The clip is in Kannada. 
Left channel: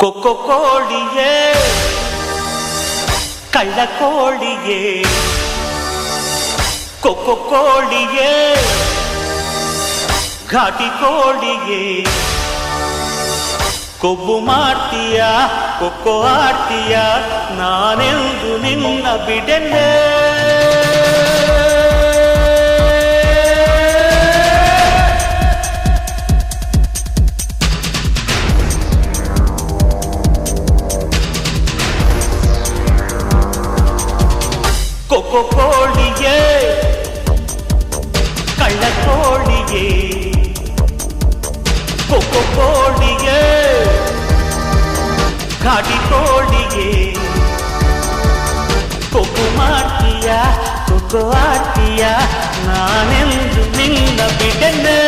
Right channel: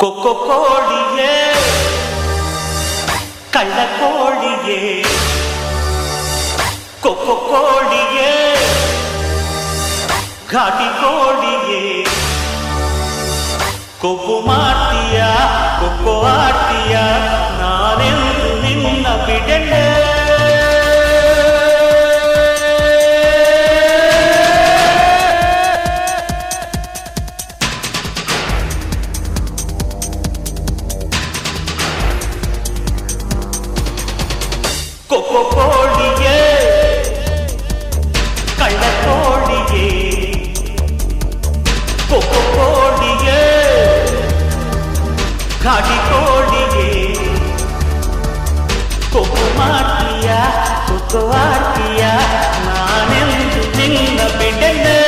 ಕೊಕ್ಕೊ ಕೋಳಿಯೇ ಕಳ್ಳ ಕೋಳಿಯೇ ಕೊಕ್ಕೊ ಕೋಳಿಯೇ ಘಾಟಿ ಕೋಳಿಯೇ ಕೊಬ್ಬು ಮಾಡ್ತೀಯ ಕೊಕ್ಕೊ ಆಡ್ತೀಯ ನಾನೆಂದು ನಿನ್ನ ಬಿಡೆನೆ ಕೊಕ್ಕೊ ಕೋಳಿಯೇ ಕಳ್ಳ ಕೋಳಿಯೇ ಕೊಕ್ಕೊ ಕೋಳಿಯೇ ಘಾಟಿ ಕೋಳಿಯೇ ಕೊಬ್ಬು ಮಾಡ್ತೀಯ ಕೊಕ್ಕೊ ಆಡ್ತೀಯ ನಾನೆಂದು ನಿನ್ನ ಬಿಡೆನೆ